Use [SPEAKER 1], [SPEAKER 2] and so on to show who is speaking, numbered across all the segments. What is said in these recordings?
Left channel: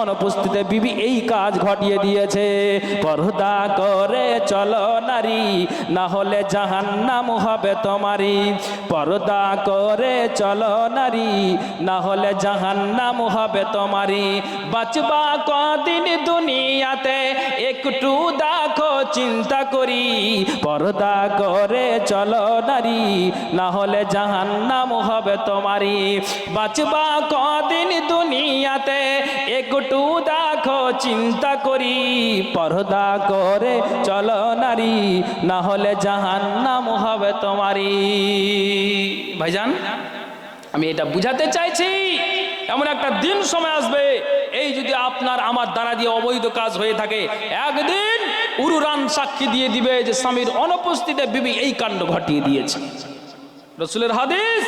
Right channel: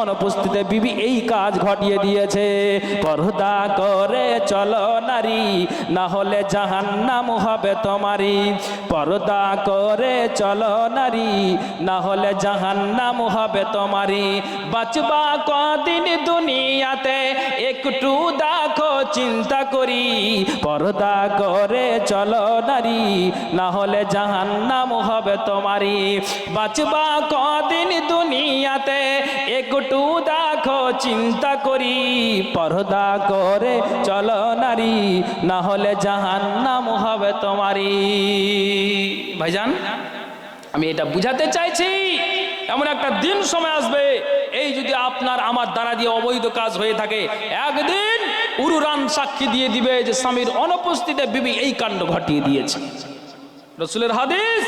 [SPEAKER 1] অনুপস্থিতে বিবি এই কাজ ঘটিয়ে দিয়েছে। পর্দা করে চলো নারী, না হলে জাহান্নাম হবে তোমারই। পর্দা করে চলো নারী, না হলে জাহান্নাম হবে তোমারই। বাঁচবা কদিন দুনিয়াতে, একটু দেখো চিন্তা করি। পর্দা করে চলো নারী, না হলে জাহান্নাম হবে তোমারই। বাঁচবা কদিন দুনিয়াতে, একটু দেখো, চিন্তা করি, পর্দা করে চলো নারী না হলে জাহান্নাম হবে তোমারই। ভাইজান, আমি এটা বুঝাতে চাইছি, এমন একটা দিন সময় আসবে, এই যদি আপনার আমার দ্বারা দিয়ে অবৈধ কাজ হয়ে থাকে, একদিন উরুরান সাক্ষী দিয়ে দিবে যে স্বামীর অনুপস্থিতিতে বিবি এই কাণ্ড ঘটিয়ে দিয়েছে। রসুলের হাদিস,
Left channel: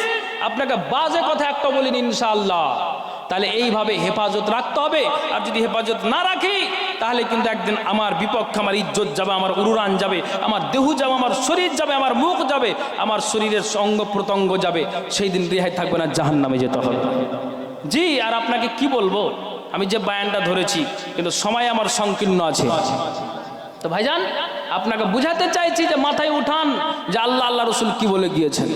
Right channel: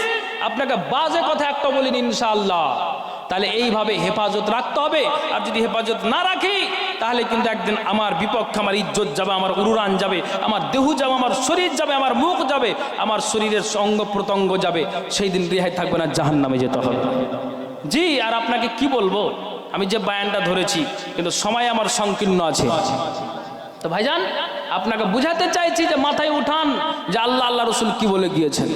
[SPEAKER 1] আপনাকে বাজে কথা একটা বলিনি, ইনশাআল্লাহ। তাহলে এইভাবে হেফাজত রাখতে হবে। আর যদি হেফাজত না রাখি, তাহলে কিন্তু একদিন আমার বিপক্ষে আমার ইজ্জত যাবে, আমার উরুরান যাবে, আমার দেহু যাবে, আমার শরীর যাবে, আমার মুখ যাবে, আমার শরীরের অঙ্গ প্রত্যঙ্গ যাবে। সেই দিন রেহাই থাকবে না জাহান নামে যেতে হবে। জি, আর আপনাকে কি বলব? আমি যে বায়ানটা ধরেছি, কিন্তু সময় আমার সংকীর্ণ আছে। তো ভাইজান, আপনাকে বুঝাতে চাইছি যে মাথায় উঠান যে আল্লাহ আল্লাহ রসুল কি বলে গিয়েছেন।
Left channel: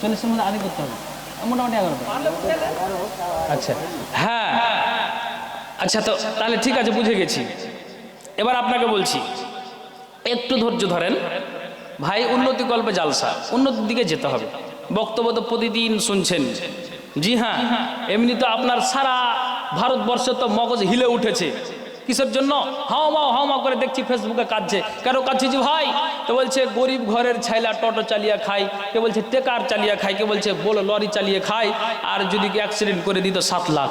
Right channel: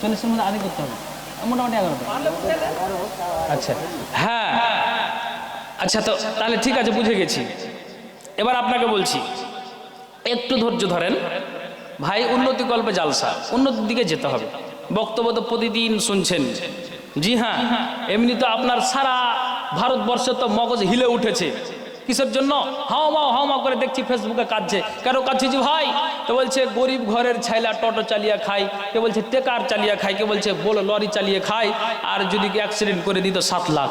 [SPEAKER 2] চল্লিশের মধ্যে আগে করতে হবে। মোটামুটি এগারোটা।
[SPEAKER 1] আচ্ছা। হ্যাঁ। আচ্ছা তো তাহলে ঠিক আছে, বুঝে গেছি। এবার আপনাকে বলছি, একটু ধৈর্য ধরেন। ভাই, উন্নতি কল্পে জালসা, উন্নতির দিকে যেতে হবে। বক্তব্য তো প্রতিদিন শুনছেন। জি হ্যাঁ এমনি তো আপনার সারা ভারতবর্ষে তো মগজ হিলে উঠেছে। কিসের জন্য? হাওমা হাওমা করে দেখছি ফেসবুকে কাঁদছে। কেন কাঁদছি যে ভাই? তো বলছে, গরিব ঘরের ছাইলা টোটো চালিয়ে খায়, কে বলছে, টেকার চালিয়ে খায়, কে বলছে, বলো, লরি চালিয়ে খায়, আর যদি অ্যাক্সিডেন্ট করে দিত সাত লাখ।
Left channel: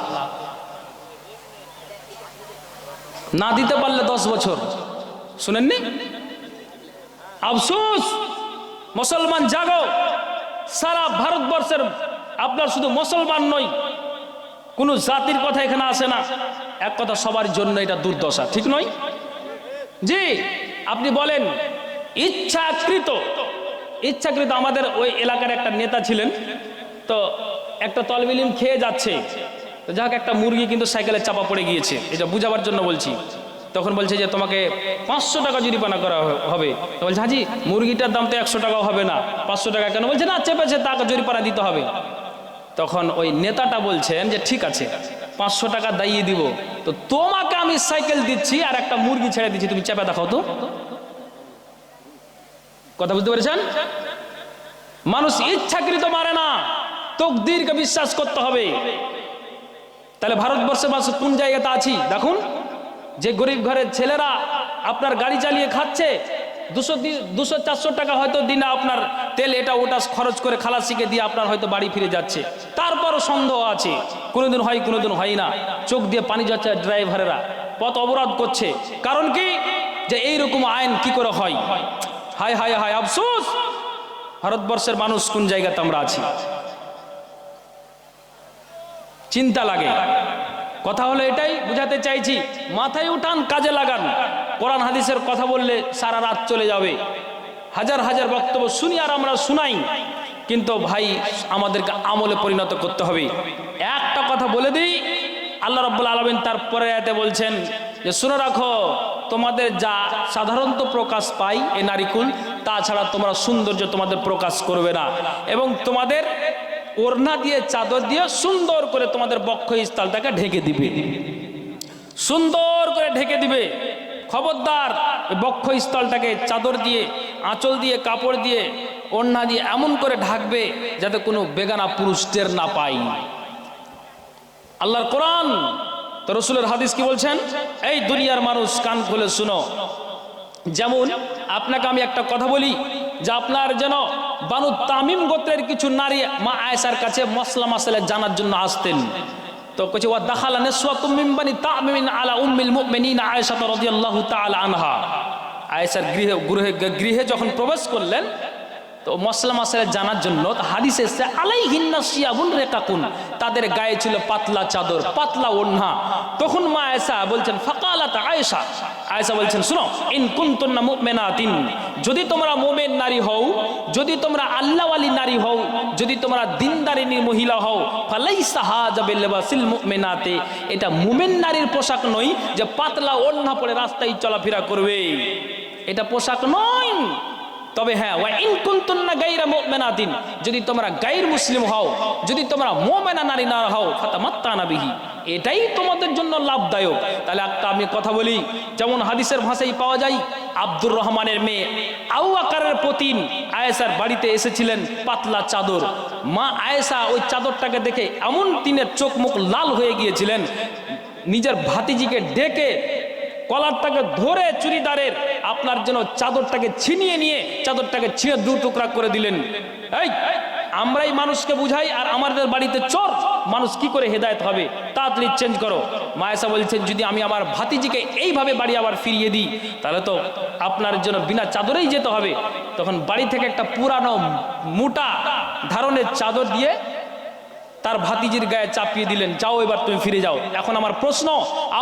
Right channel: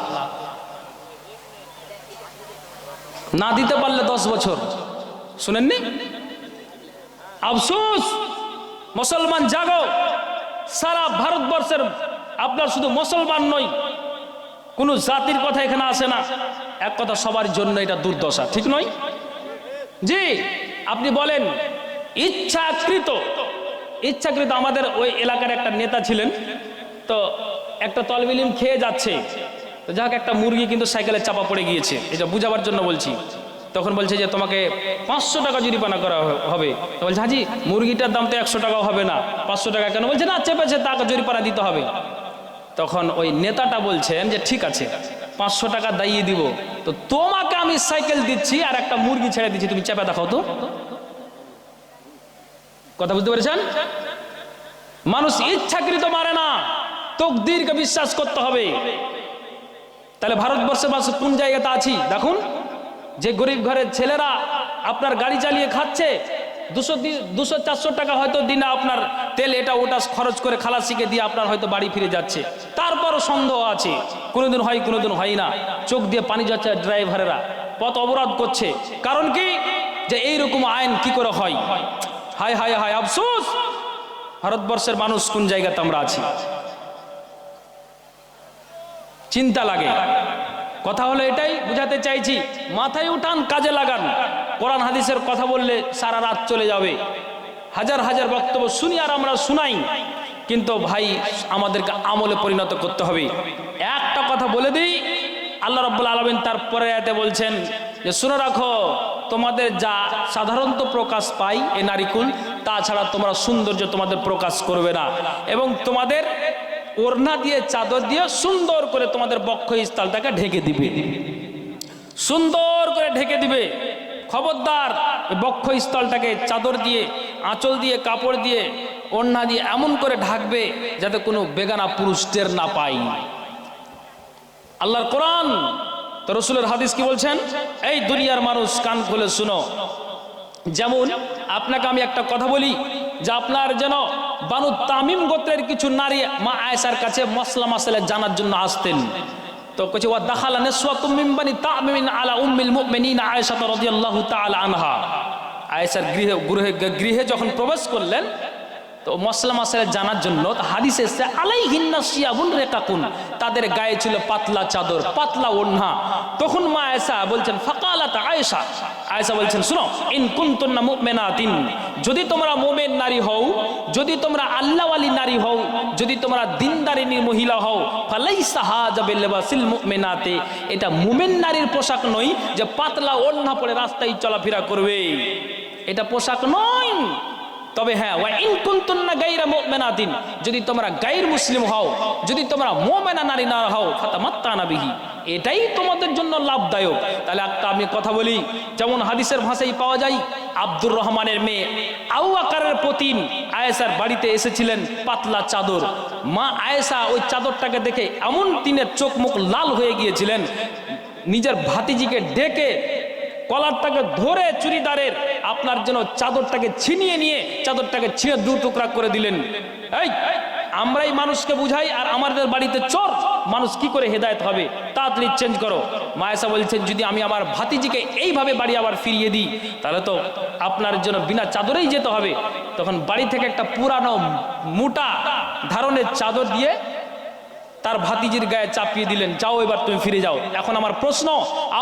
[SPEAKER 1] না দিতে পারলে দশ বছর। শুনেননি? আফসোস! মুসলমান জাগো! সারা ভারতবর্ষের, আপনার শুধু মুসলমান নয় কোনো জাতির কথা এখানে আসে না। এক কথা, সবার জন্য এটা দুর্দশা, ঠিক নয়? জি, আপনি বলেন, ইচ্ছাকৃত ইচ্ছাকৃত আমাদের ওই এলাকার একটা নেতা ছিলেন, তো একটা তলবিলিম খেয়ে যাচ্ছে। তো যাক, একটা মুরগি কিন্তু সাইকেলে চাপা পড়ে গিয়েছে, এটা বুঝাবার জন্য বলছি। তখন বলছে যে, তোমাকে পাঁচশো টাকা জরিমানা করা হবে। বলছে, হাজি, মুরগিটার দাম তো একশো টাকাও হবে না, পাঁচশো টাকা কেন? বলছে, না, চেপেছে, তাকে জরিমানা দিতে হবে। তখন ওই নেতাটা বলছেন যে, ঠিক আছে, পাঁচশো টাকা দাইয়ে দিব। তো তোমাকে আমি সাইকেল দিচ্ছি আর একটা মুরগি ছেড়ে দিচ্ছি, তুমি চেপে দেখাও তো। কথা বুঝতে পেরেছেন? মানুষ ইচ্ছাকৃত মারে না, তকদিরকে বিশ্বাস করতে হবে। তাহলে ভারতবর্ষে মানুষ কোন জায়গাতে আছি? দেখুন, যে গরিব ঘরের ছেলেরা আপনার গাড়ি চালিয়ে খাচ্ছে দুশো দুশো চারশো টাকা হয়তো দিনে আপনার তেল এটা ওটা খরচ করে খালাসিকে দিয়ে আপনার হয়তো বাড়ি ফিরে যাচ্ছে। তারপরও সন্দেহ আছে। কোনোদিন হয় কোনোদিন হয় না। চোখ দিয়ে পানি যাচ্ছে ড্রাইভারেরা। পথ অবরোধ করছে। কারণ কি? যে এইরকম আইন কি করে হয়? হায় হায় হায়, আফসোস! ভারতবর্ষের মানুষ কোন জায়গাতে আমরা আছি? চিন্তা লাগে। কথা হলো এটাই, বুঝাতে চাইছি, মাথায় উঠান, কাজে লাগান। কোরআন হাদিসের কথা বললে সারা রাত চলে যাবে। হাজার হাজার বক্তব্য শুনি আর আমরা শুনাই, কিন্তু ভাই, আমাদেরকে আমলে পরিণত করতে হবে। একটা কথা বলে দিই, আল্লাহ রব্বুল আলমিন তারপরে এতে বলছেন যে, শুনে রাখো, তোমাদের যা সাধারণত প্রকাশ পাই এ নারীকুল, তাছাড়া তোমরা সৌন্দর্য তোমাদের প্রকাশ করবে না। এবং তোমাদের ওড়না দিয়ে, চাদর দিয়ে সুন্দর করে তোমাদের বক্ষ স্থলটাকে ঢেকে দিবে। সুন্দর করে ঢেকে দিবে। খবরদার বক্ষ স্থলটাকে চাদর দিয়ে, আঁচল দিয়ে, কাপড় দিয়ে, ওড়না দিয়ে এমন করে ঢাকবে যাতে কোনো বেগানা পুরুষ টের না পায়। আল্লাহর কোরআন, তো রসুলের হাদিস কি বলছেন? এই দুনিয়ার মানুষ কান খুলে শুনো। যেমন, আপনাকে আমি একটা কথা বলি যে আপনার যেন বানু তামিম গোত্রের কিছু নারী মা আয়েশার কাছে মশলা মশলা জানার জন্য আসতেন। তো কছে ওয়া দাখালা নিসওয়াতুম মিন বানি তামিমিন আলা উম্মিল মুমিনিন আয়েশা রাদিয়াল্লাহু তাআলা আনহা। আয়েশার গৃহে গৃহে যখন প্রবেশ করলেন তো মশলা মশলা জানার জন্য হাদিস এসছে আলাই হিন্না শিয়াবুন রেকাকুন। তাদের গায়ে ছিল পাতলা চাদর, পাতলা ওড়না। তখন মা আয়েশা বলছেন, ফাকালাত আয়েশা। আয়েশা বলছেন, শুনো, ইন কুনতুন্না মুমিনাতিন। যদি তোমরা মোমেন নারী হও, যদি তোমরা আল্লাহওয়ালি নারী হও, যদি তোমরা দিনদারিনী মহিলা হও, ফালাইসা হাজা বিল্লাবাসিল মুমিনাতে। এটা মুমিন নারীর পোশাক নয় যে পাতলা ওড়না পরে রাস্তায় চলাফেরা করবে। এটা পোশাক নয়। তবে হ্যাঁ ওয়া ইন যদি তোমরা গায়র মুসলিম হও, যদি তোমরা মুমিনা নারী না হও, ফাতামাত্তানা বিহি, এটাই তোমাদের জন্য লাভদায়ক। তাহলে একটা আমি কথা বলি, যেমন হাদিসের ভাষায় পাওয়া যায়, আব্দুর রহমানের মেয়ে আউ আকারের পতিন আয়েশার বাড়িতে এসেছিলেন পাতলা চাদর। মা আয়েশা ওই চাদরটাকে দেখে এমন তিনের চোখ মুখ লাল হয়ে গিয়েছিলেন, নিজের ভাতিজিকে ডেকে কলারটাকে ধরে চুরিদারের আপনার যেন চাদরটাকে ছিনিয়ে নিয়ে চাদরটাকে ছিঁড়ে দু টুকরা করে দিলেন। এই, আমরাই মানুষকে বুঝাই আর আমাদের বাড়িতে চোর, মানুষ কি করে হেদায়েত হবে? তাড়াতাড়ি চেঞ্জ করো। মায়েসা বলছেন, যদি আমি আমার ভাতিজিকে এইভাবে বাড়ি আবার ফিরিয়ে দিই, তাহলে তো আপনার জন্য বিনা চাদরেই যেতে হবে। তখন বাড়ি থেকে একটা পুরানো মোটা ধারণের চাদর দিয়ে তার ভাতিজির গায়ে চাপিয়ে দিলেন, যাও এবার তুমি ফিরে যাও। এখন আমার প্রশ্ন,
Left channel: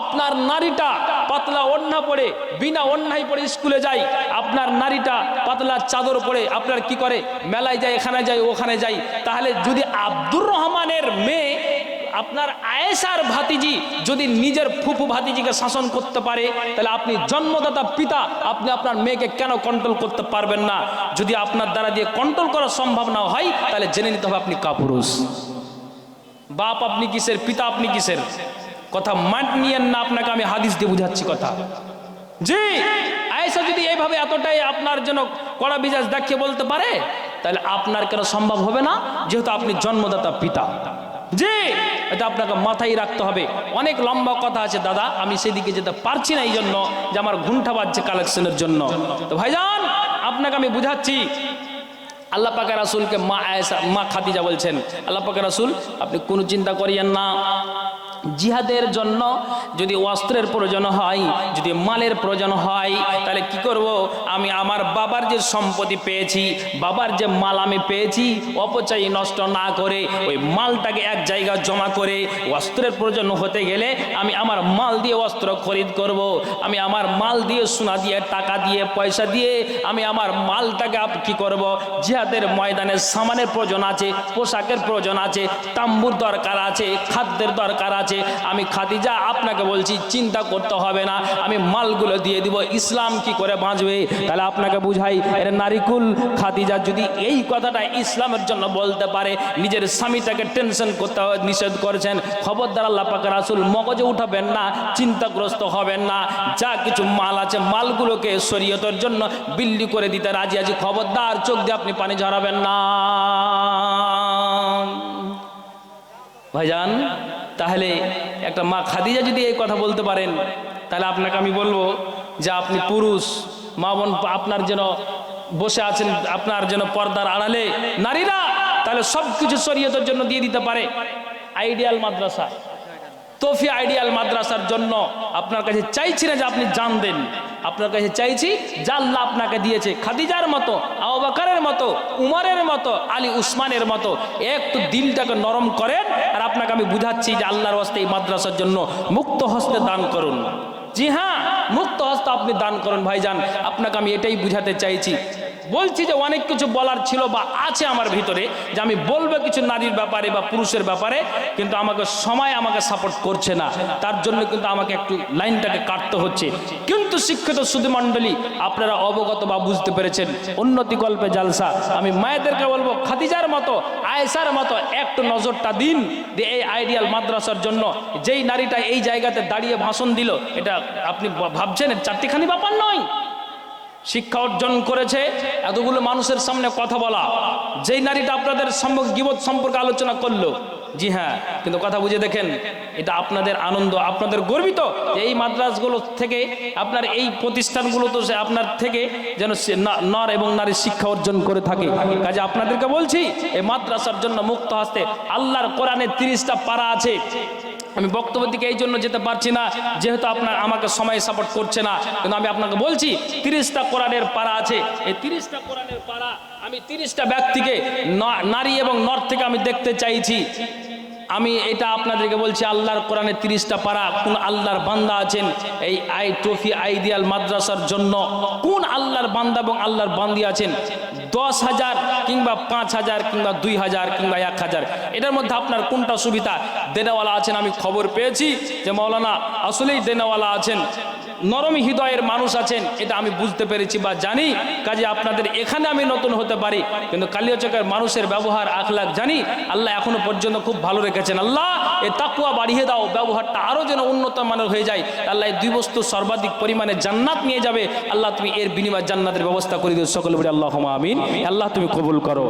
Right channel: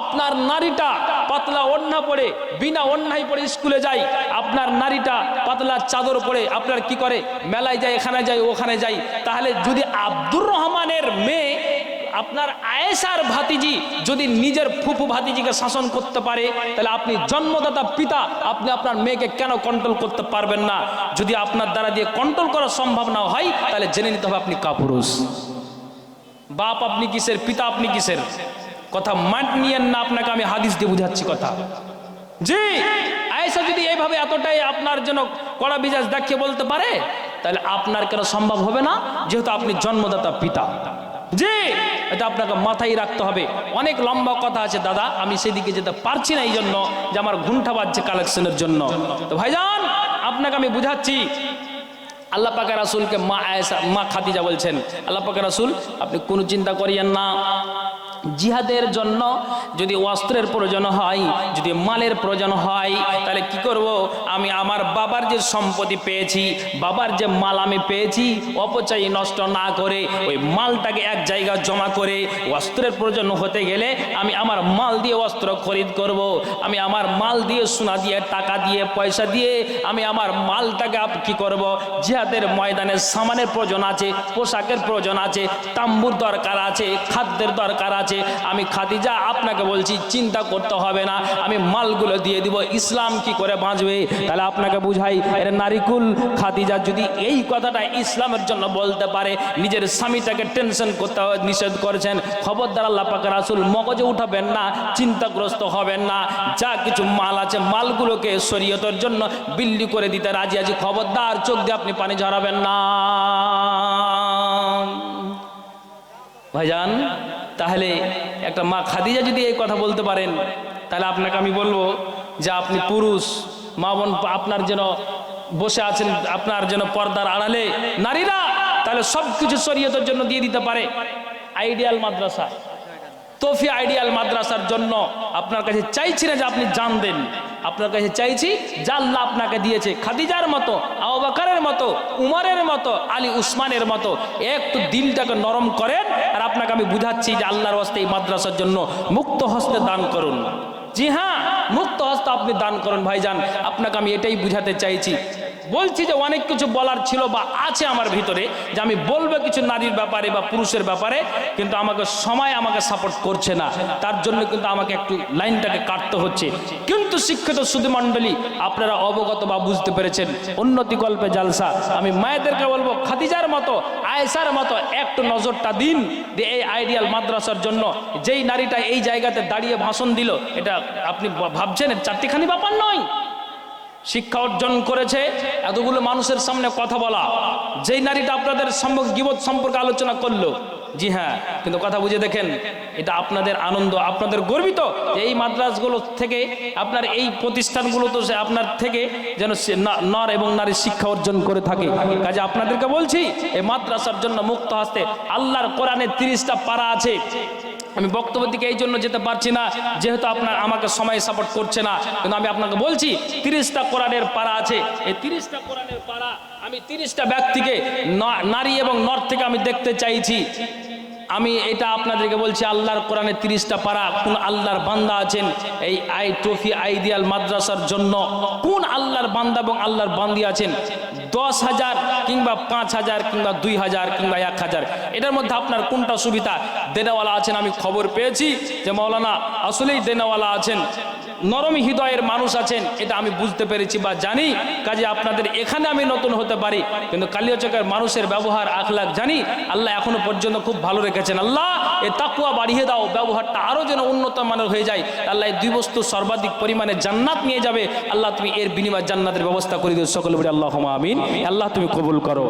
[SPEAKER 1] আপনার নারীটা পাতলা ওড়না পরে, বিনা ওড়নাই পরে স্কুলে যায়, আপনার নারীটা পাতলা চাদর পরে আপনার কি করে? মেলায় যায়, এখানে যায়, ওখানে যায়। তাহলে যদি আব্দুর রহমানের মেয়ে, আপনার আয়েশার ভাতিজি যদি নিজের ফুফু ভাতিজিকে শাসন করতে পারে, তাহলে আপনি জন্মদাতা পিতা, আপনি আপনার মেয়েকে কেন কন্ট্রোল করতে পারবেন না? যদি আপনার দ্বারা দিয়ে কন্ট্রোল করা সম্ভব না হয়, তাহলে জেনে নিতে হবে আপনি কাপুরুষ। বাপ আপনি কিসের, পিতা আপনি কিসের? কথা মাট নিয়েন না, আপনাকে আমি হাদিস দিয়ে বুঝাচ্ছি কথা। জি, আয়েশা যদি এইভাবে এতটাই আপনার জন্য কড়া বিজাজ দেখিয়ে বলতে পারে, তাহলে আপনার কেন সম্ভব হবে না? যেহেতু আপনি জন্মদাতা, পিতা। জি, এটা আপনাকে মাথায় রাখতে হবে। অনেক লম্বা কথা আছে দাদা, আমি সেদিকে যেতে পারছি না এই জন্য যে আমার ঘুমটা বাজছে কালেকশনের জন্য। তো ভাইজান, আপনাকে আমি বুঝাচ্ছি আল্লাহ পাকা রাসুলকে মা আয়েসা মা খাদিজা বলছেন। আল্লাহ পাকা রাসুল, আপনি কোনো চিন্তা করিয়েন না। জিহাদের জন্য যদি অস্ত্রের প্রয়োজন হয়, যদি মালের প্রয়োজন হয়, তাহলে কি করব? আমি আমার বাবার যে সম্পত্তি পেয়েছি, বাবার যে মাল আমি পেয়েছি, অপচয় নষ্ট না করে ওই মালটাকে এক জায়গায় জমা করে অস্ত্রের প্রয়োজন হতে গেলে আমি আমার মাল দিয়ে অস্ত্র খরিদ করব। আমি আমার মাল দিয়ে সোনা দিয়ে, টাকা দিয়ে, পয়সা দিয়ে আমি আমার মালটাকে কি করব? জিহাদের ময়দানে সামানের প্রয়োজন আছে, পোশাকের প্রয়োজন আছে, তাম্বুর দরকার আছে, খাদ্যের দরকার আছে আমি খাদিজা আপনাকে বলছি, চিন্তা করতে হবে না, আমি মালগুলো দিয়ে দিব, ইসলাম কি করে বাঁচবে? তাহলে আপনাকে বুঝাই, এর নারিকুল খাদিজা যদি এই কথাটা ইসলামের জন্য বলতে পারে, নিজের স্বামীটাকে টেনশন করতে নিষেধ করেছেন, খবরদার আল্লাহ পাকের রাসুল মগজে উঠাবেন না, চিন্তাগ্রস্ত হবেন না, যা কিছু মাল আছে, মালগুলোকে শরীয়তের জন্য বিল্লি করে দিতে রাজি আছি, খবরদার, চোখ দিয়ে আপনি পানি ঝরাবেন না। ভাইজান? তাহলে একটা মা খাদিজা যদি এই কথা বলতে পারেন, তাহলে আপনাকে আমি বলব যে আপনি পুরুষ, মা বোন আপনার যেন বসে আছেন, আপনার যেন পর্দার আড়ালে নারীরা, তাহলে সব কিছু শরীয়তের জন্য দিয়ে দিতে পারে। আইডিয়াল মাদ্রাসা। তফি আইডিয়াল মাদ্রাসার জন্য আপনার কাছে চাইছি না যে আপনি জান দেন। আপনার কাছে চাইছি, যা আল্লাহ আপনাকে দিয়েছে, খাদিজার মতো আবাকারের মতো, উমারের মতো, আলী উসমানের মতো, একটু দিলটাকে নরম করেন আর আপনাকে আমি বুঝাচ্ছি যে আল্লাহর হস্তে এই মাদ্রাসার জন্য মুক্ত হস্তে দান করুন। জি হ্যাঁ মুক্ত হস্তে আপনি দান করুন ভাইজান। আপনাকে আমি এটাই বুঝাতে চাইছি বলছি যে অনেক কিছু বলার ছিল বা আছে আমার ভিতরে যে আমি বলব কিছু নারীর ব্যাপারে বা পুরুষের ব্যাপারে, কিন্তু আমাকে সময় আমাকে সাপোর্ট করছে না। তার জন্য কিন্তু আমাকে একটু লাইনটাকে কাটতে হচ্ছে। কিন্তু শিক্ষিত সুধী মণ্ডলী, আপনারা অবগত বা বুঝতে পেরেছেন, উন্নতি কল্পে জালসা। আমি মায়েদেরকে বলব, খাদিজার মতো আয়েসার মতো একটু নজরটা দিন যে এই আইডিয়াল মাদ্রাসার জন্য যেই নারীটা এই জায়গাতে দাঁড়িয়ে ভাষণ দিল, এটা আপনি ভাবছেন চারটিখানি ব্যাপার নয়। শিক্ষা অর্জন করেছে, এতগুলো মানুষের সামনে কথা বলা। যেই নারীটা আপনাদের সম্পর্ক গিবত সম্পর্কে আলোচনা করল, জি হ্যাঁ কিন্তু কথা বুঝে দেখেন, এটা আপনাদের আনন্দ, আপনাদের গর্বিত যে এই মাদ্রাসগুলো থেকে আপনার এই প্রতিষ্ঠানগুলো তো সে আপনার থেকে যেন নর এবং নারী শিক্ষা অর্জন করে থাকে। কাজে আপনাদেরকে বলছি, এই মাদ্রাসার জন্য মুক্ত হস্তে আল্লাহর কোরআনে তিরিশটা পারা আছে। আমি বক্তব্য দিকে এই জন্য যেতে পারছি না, যেহেতু আপনার আমাকে সময় সাপোর্ট করছে না। কিন্তু আমি আপনাকে বলছি, তিরিশটা কোরআনের পাড়া আছে। এই তিরিশটা কোরআনের পাড়া, আমি তিরিশটা ব্যক্তিকে নারী এবং নর থেকে আমি দেখতে চাইছি। আমি এটা আপনাদেরকে বলছি, আল্লাহর কোরআনে তিরিশটা পারা কোন আল্লাহর বান্দা আছেন? এই আই ট্রফি আইডিয়াল মাদ্রাসার জন্য কোন আল্লাহর বান্দা এবং আল্লাহর বান্দি আছেন? দশ হাজার কিংবা পাঁচ হাজার কিংবা দুই হাজার কিংবা এক হাজার। এটার মধ্যে আপনার কোনটা সুবিধা? দেনাওয়ালা আছেন, আমি খবর পেয়েছি যে মৌলানা আসলেই দেনাওয়ালা আছেন। নরম হৃদয়ের মানুষ আছেন এটা আমি বুঝতে পেরেছি বা জানি। কাজে আপনাদের এখানে আমি নতুন হতে পারি কিন্তু কালিয়াচকের মানুষের ব্যবহার আখলাখ জানি। আল্লাহ এখনও পর্যন্ত খুব ভালো রেখেছেন। আল্লাহ এ তাকুয়া বাড়িয়ে দাও ব্যবহারটা আরও যেন উন্নত মানের হয়ে যায়। আল্লাহ এই দুই বস্তু সর্বাধিক পরিমাণে জান্নাত নিয়ে যাবে। আল্লাহ তুমি এর বিনিময় জান্নাতের ব্যবস্থা করে দিও। সকলে বলি আল্লাহ আমিন। আল্লাহ তুমি কবুল করো।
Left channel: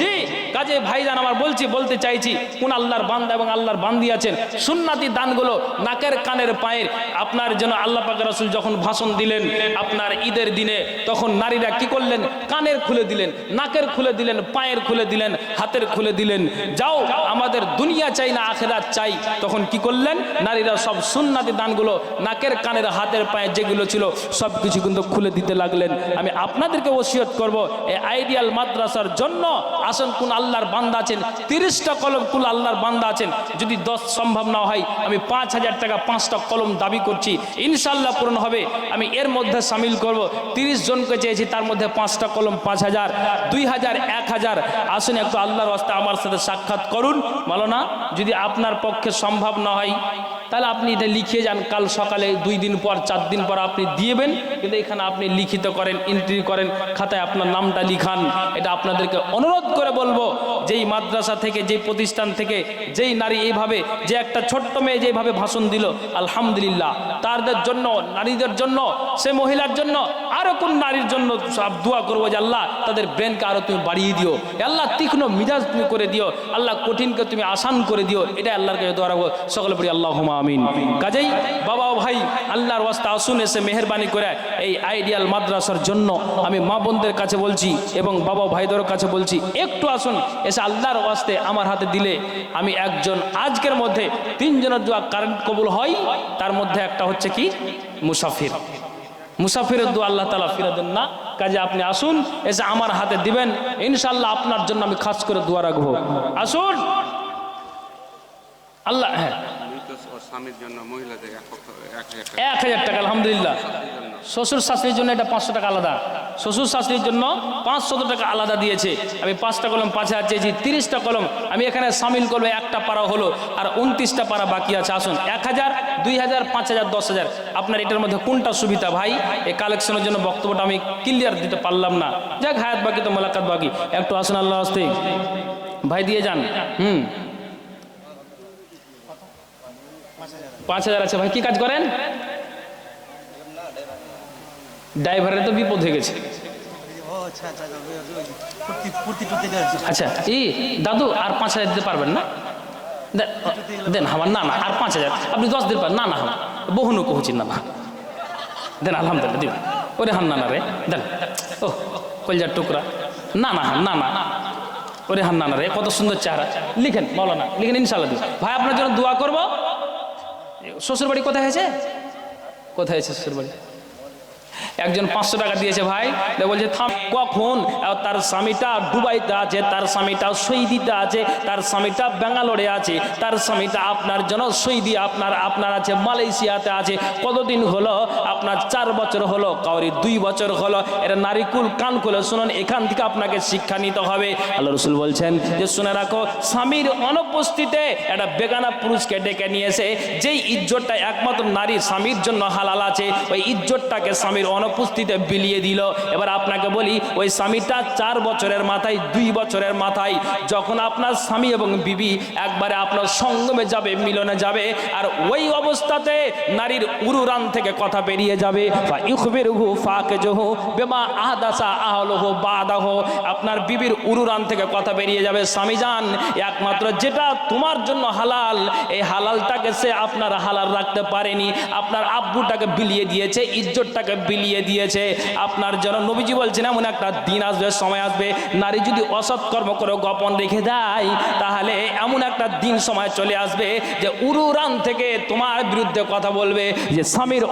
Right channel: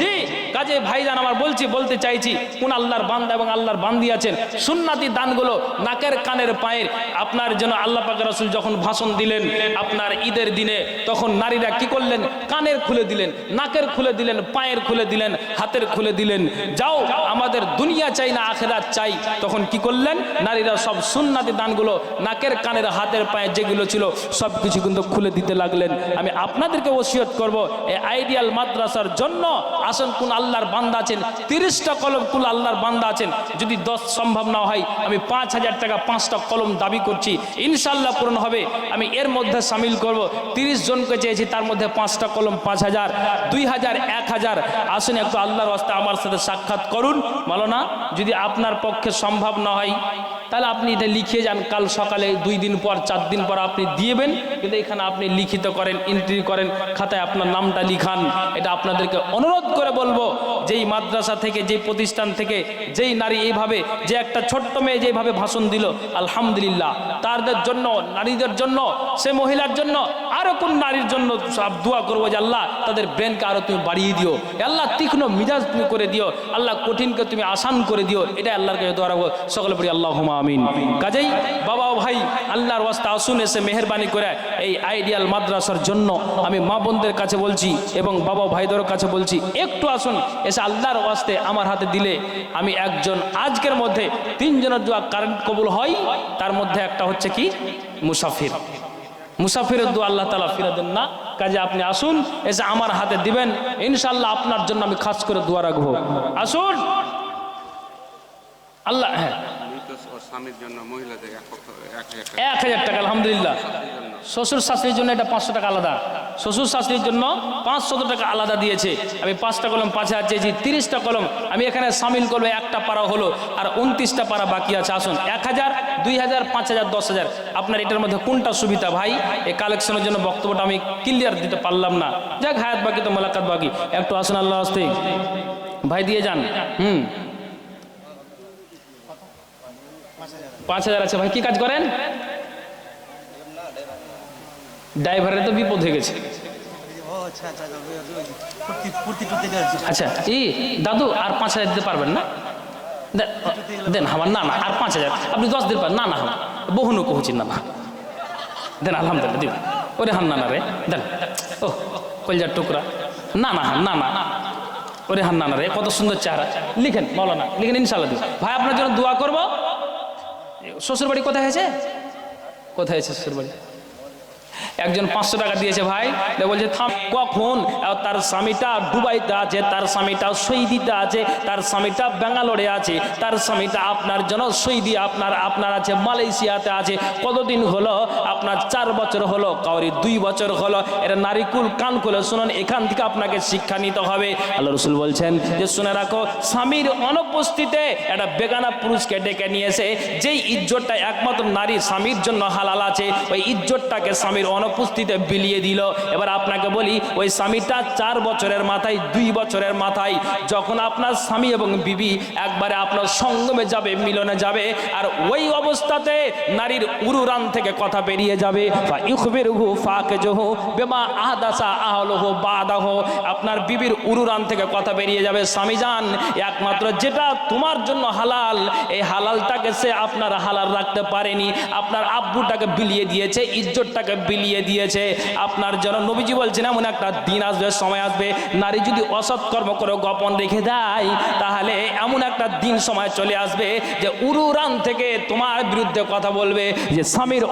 [SPEAKER 1] জি কাজে ভাইজান আমার বলছি বলতে চাইছি কোন আল্লাহর বান্দা এবং আল্লাহর বান্দি আছেন? সুন্নাতি দানগুলো নাকের কানের পায়ের আপনার যেন আল্লাহ পাক রাসূল যখন ভাষণ দিলেন আপনার ঈদের দিনে, তখন নারীরা কি করলেন? কানের খুলে দিলেন, নাকের খুলে দিলেন, পায়ের খুলে দিলেন, হাতের খুলে দিলেন। যাও, আমাদের দুনিয়া চাই না, আখেরাত চাই। তখন কি করলেন? নারীরা সব সুন্নাতি দানগুলো নাকের, কানের, হাতের পায়ে যেগুলো ছিল, সব কিছু কিন্তু খুলে দিতে লাগলেন। আমি আপনাদেরকে ওসিয়ত করব এই আইডিয়াল মাদ্রাসার জন্য আসেন কোন আল্লাহর বান্দা আছেন, তিরিশটা কলম কোন আল্লাহর বান্দা আছেন, যদি দশ সম্ভব না হয়, আমি পাঁচ হাজার টাকা পাঁচটা কলম দাবি করছি। ইনশাল্লাহ পূরণ হবে। আমি এর মধ্যে সামিল করব। তিরিশ জনকে চেয়েছি, তার মধ্যে পাঁচটা কলম পাঁচ হাজার, দুই হাজার, এক হাজার। আসুন একটু আল্লাহর রাস্তা আমার সাথে সাক্ষাৎ করুন। বলো না যদি আপনার পক্ষে সম্ভব না হয়, তাহলে আপনি এটা লিখে যান। কাল সকালে দুই দিন পর, চার দিন পর আপনি দিয়েবেন কিন্তু এখানে আপনি লিখিত করেন এন্ট্রি করেন, খাতায় আপনার নামটা লিখান। এটা আপনাদেরকে অনুরোধ করে বলব, যেই মাদ্রাসা থেকে, যেই প্রতিষ্ঠান থেকে, যেই নারী এইভাবে, যে একটা ছোট্ট মেয়ে যেভাবে ভাষণ দিল, আলহামদুলিল্লাহ। তাদের জন্য নারীদের জন্য, সে মহিলার জন্য, আরও কোন নারীর জন্য সব দোয়া করব যে আল্লাহ তাদের ব্রেনকে আরও তুমি বাড়িয়ে দিও। আল্লাহ তীক্ষ্ণ মিজাজ তুমি করে দিও। আল্লাহ কঠিনকে তুমি আসান করে দিও। এটা আল্লাহর কাছে দোয়া রাখব। সকলে পড়ি আল্লাহ আমিন। কাজেই বাবা ভাই, আল্লাহর ওয়াস্তা আসুন, এসে মেহরবানি করে এই আইডিয়াল মাদ্রাসার জন্য আমি মা বোনদের কাছে বলছি এবং বাবা ভাইদের কাছে বলছি, একটু আসুন, এসে আল্লাহর ওয়াস্তে আমার হাতে দিলে আমি একজন আজকের মধ্যে তিনজনের দোয়া কারেন্ট কবুল হয়? তার মধ্যে একটা হচ্ছে কি? মুসাফির। মুসাফিরের দু আল্লাহ তালা ফিরে দেন না। কাজে আপনি আসুন, এসে আমার হাতে দিবেন। ইনশাল্লাহ আপনার জন্য আমি খাস করে দোয়া রাখব। আসুন। আল্লাহ হ্যাঁ।
[SPEAKER 3] এক হাজার টাকা।
[SPEAKER 1] আলহামদুলিল্লাহ। শ্বশুর শাশুড়ির জন্য এটা পাঁচশো টাকা আলাদা। শ্বশুর শাশুড়ির জন্য পাঁচশো টাকা আলাদা দিয়েছে। আমি পাঁচটা কলম পাঁচ হাজার চেয়েছি, তিরিশটা কলম। আমি এখানে সামিল করব, একটা পারা হলো আর উনত্রিশটা পারা বাকি আছে। আসুন, এক হাজার, দুই হাজার, পাঁচ হাজার, দশ হাজার। আপনার এটার মধ্যে কোনটা সুবিধা ভাই? এই কালেকশনের জন্য বক্তব্যটা আমি ক্লিয়ার দিতে পারলাম না। যাক, হায়াত বাকি তো মোলাকাত বাকি। একটু আসুন আল্লাহ আসতে ভাই, দিয়ে যান। হুম। পাঁচ হাজার আছে ভাই কি কাজ করেন? ড্রাইভারের তো বিপদ হয়ে গেছে। আচ্ছা ই দাদু আর পাঁচ হাজার দিতে পারবেন না? দেন, আমার না না আর পাঁচ হাজার। আপনি দশ দিন পারেন না না আমার বহুনু কহুছি না না। দেন আলহামদুলিল্লাহ দিন। ওরে হান না না রে দেন। ও কলজার টুকরা। না না না না। ওরে হান না না রে কত সুন্দর চেহারা লিখেন মৌলানা লিখেন ইনশাল্লাহ দিন। ভাই আপনার জন্য দোয়া করব। শ্বশুর বাড়ি কোথায় হয়েছে? কোথায় হয়েছে শ্বশুর বাড়ি একজন পাঁচশো টাকা দিয়েছে ভাই। বলছে, থাম, কখন? তার স্বামীটা দুবাইতে আছে, তার স্বামীটা সৌদিতে আছে, তার স্বামীটা ব্যাঙ্গালোরে আছে, তার স্বামীটা আপনার জন্য সৌদি, আপনার আপনার আছে মালয়েশিয়াতে আছে। কতদিন হলো? আপনার চার বছর হলো, কাউরি দুই বছর হলো। এটা নারিকুল কান খুলে শুনুন, এখান থেকে আপনাকে শিক্ষা নিতে হবে। আল্লাহ রসুল বলছেন যে, শুনে রাখো, স্বামীর অনুপস্থিতিতে একটা বেগানা পুরুষকে ডেকে নিয়েছে, যেই ইজ্জতটা একমাত্র নারী স্বামীর জন্য হালাল আছে, ওই ইজ্জতটাকে স্বামীর অনুপস্থিতিতে বিলিয়ে দিল। এবার আপনাকে বলি, ওই স্বামীটা চার বছরের মাথায়, দুই বছরের মাথায়, যখন আপনার স্বামী এবং বিবি একবারে আপনার সঙ্গমে যাবে, মিলনে যাবে, আর ওই অবস্থাতে নারীর উরুরান থেকে কথা বেরিয়ে যাবে বা ইউখবিরহু ফাকিজহু বিমা আহদাসা আহলহু বাদাহু। আপনার বিবির উরুরান থেকে কথা বেরিয়ে যাবে, স্বামী যান একমাত্র যেটা তোমার জন্য হালাল, এই হালালটাকে সে আপনার হালাল রাখতে পারেনি। আপনার আব্বুটাকে বিলিয়ে দিয়েছে, ইজ্জতটাকে বিলিয়ে দিয়ে দিয়েছে। আপনার জন্য নবীজি বলছেন, এমন একটা দিন আসবে, সময় আসবে। নারী যদি অসৎ কর্ম করে গোপন রেখে দেয়, তাহলে এমন একটা দিন, সময় চলে আসবে যে উরুরান থেকে তোমার বিরুদ্ধে কথা বলবে যে, স্বামীর